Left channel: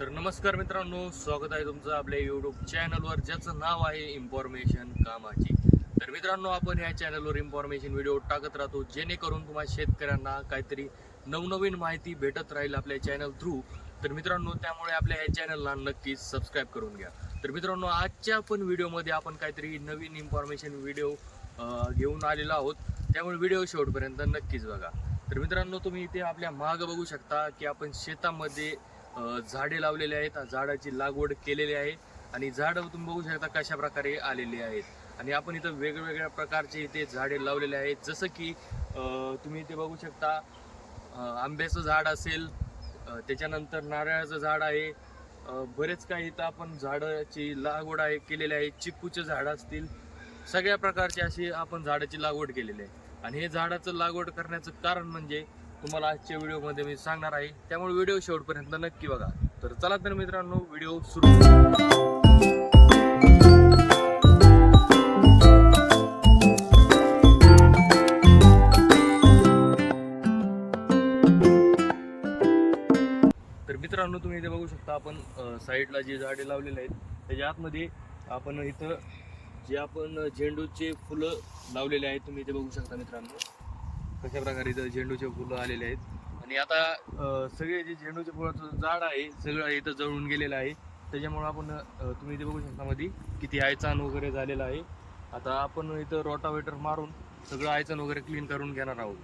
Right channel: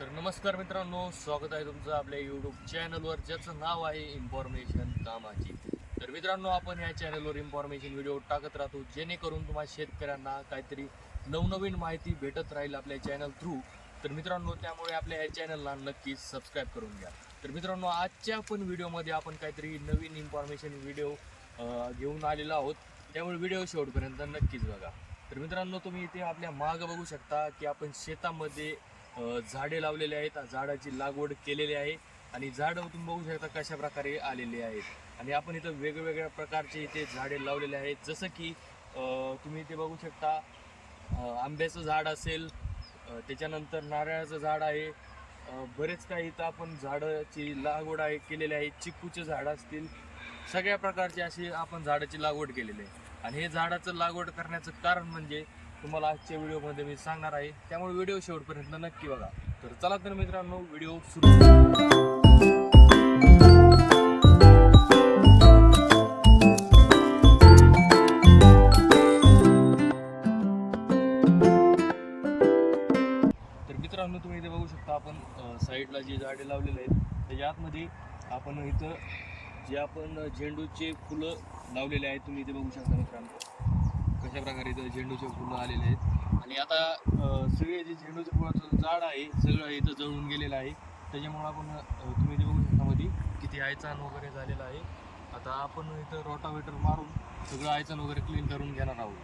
तर नमस्कार मित्रांनो स्वागत आहे तुमचं आपल्या यूट्यूब चॅनलवर ज्याचं नाव आहे इन्फॉर्मेशन कामाची. तर मित्रांनो आपण ह्या चॅनलवर इन्फॉर्मेशन व्हिडिओ टाकत राहतो जेणेकरून तुम्हाला शेतकऱ्यांना काहीतरी नवनवीन माहिती भेटत राहील आपल्या चॅनल थ्रू तर मित्रांनो त्यामुळे आपल्या ह्या चॅनलला नक्कीच सबस्क्राईब करून घ्या. तर मित्रांनो आजच्या पण व्हिडिओमध्ये आपण काहीतरी नवीन इन्फॉर्मेशन व्हिडिओ घेऊन आलेलो आहोत. त्यामुळे व्हिडिओ शेवटपर्यंत नक्कीच बघा. तर मित्रांनो तुम्ही इथे आपल्या मागं बघू शकता की आपण शेतामध्ये झाडे लावलेले आहेत झाडाची लागवड केलेली आहे. आणि झाडं तुम्ही बघू शकता कशा प्रकारे आलेली आहेत. आणि आपण इथं वेगवेगळ्या प्रकारचे इथे झाडे लावलेले आहेत. जसं की तुम्ही इथे बघू शकता आंब्याचं झाड असेल त्याच्यानंतर नारळाचं झाड आहे. बरेच काही इथं आपण झाडाची लागवड आहे केलेली आहे. चिक्कूचे झाड असतील सगळ्या प्रकारचे अशी आपण झाडाची लागवड केलेली आहे. आणि हे झाडाचं लागवड करण्याचं कारण म्हणजे तुम्हाला आजच्या व्हिडिओमध्ये मी सांगणार आहे. त्यामुळे व्हिडिओ शेवटपर्यंत नक्की बघा. तर चला तर मित्रांनो व्हिडिओ सुरू. तर मित्रांनो तुम्ही इथे बघू शकता आपण साईडला जे झाडे लावलेले आहेत त्याच्या आतमध्ये आपण इथं जे आपण झेंडूचे फुलं लावलेले आहेत तुम्ही इथे बघू शकता मित्रांनो. कशा प्रकारे इथं झेंडूचे फुलं आलेले आहेत. आणि आता सगळे जे झेंडूच्या फुलाचं झाड आहे सगळं इथं जळून गेलेलं आहे. त्याच्यामुळं आपण तुम्ही इथे बघू शकता मध्ये किती आयचान वगैरे झालेलं आहे. आता आपण इथं रोटावेटर मारून सगळं आयचन वगैरे क्लीन करून घेणार आहोत.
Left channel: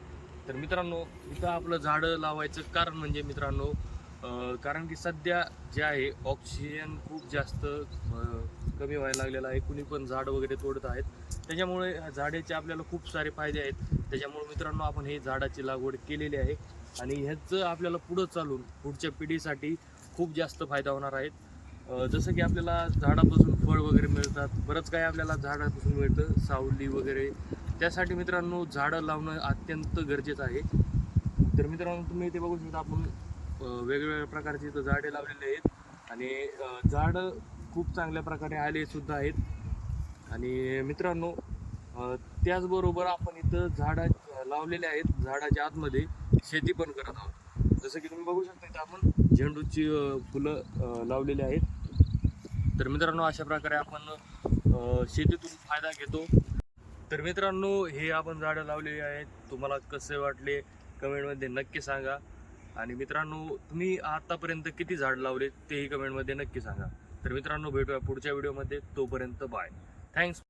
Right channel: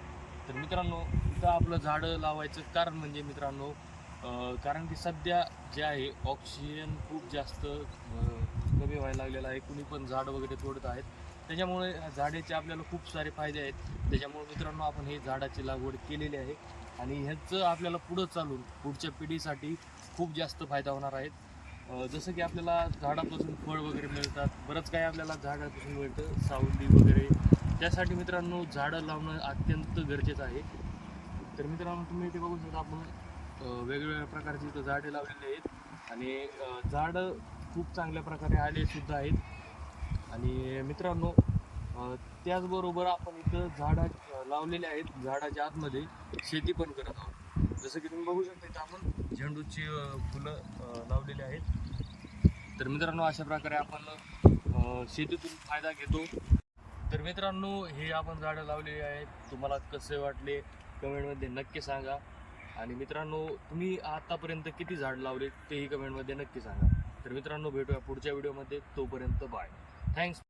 तर मित्रांनो इथं आपलं झाडं लावायचं कारण म्हणजे मित्रांनो कारण की सध्या जे आहे ऑक्सिजन खूप जास्त कमी व्हायला लागलेलं आहे. कुणी पण झाड वगैरे तोडत आहेत. त्याच्यामुळे झाडाचे आपल्याला खूप सारे फायदे आहेत. त्याच्यामुळे मित्रांनो आपण हे झाडाची लागवड केलेली आहे. आणि ह्याचं आपल्याला पुढं चालून पुढच्या पिढीसाठी खूप जास्त फायदा होणार आहे. जसं की आपल्याला झाडापासून फळ वगैरे मिळतात. बरंच काही आपल्याला झाडापासून मिळतं. सावली वगैरे. त्यासाठी मित्रांनो झाडं लावणं अत्यंत गरजेचं आहे. तर मित्रांनो तुम्ही इथे बघू शकता आपण वेगवेगळ्या प्रकारची इथं झाडे लावलेली आहेत. आणि झाडं खूप चांगल्या प्रकारे आले सुद्धा आहेत. आणि मित्रांनो त्याचबरोबर आपण इथं झाडा लावलेले आहेत झाडाच्या आतमध्ये शेती पण करत आहोत. जसं की तुम्ही बघू शकता इथं आपण झेंडूची फुलं लावलेली आहेत. तर मित्रांनो अशा प्रकारे आपण शेतीतून फायदा घेतो. तर मित्रांनो हे आपण झाडं लावलेली आहेत. तुम्हाला कसे वाटले कमेंटमध्ये नक्की सांगा. आणि मित्रांनो तुम्ही आतापर्यंत किती झाड लावले तेही कमेंटमध्ये नक्की सांगा. तर मित्रांनो भेटूया पुढच्या व्हिडिओमध्ये. तोपर्यंत बाय. थँक्स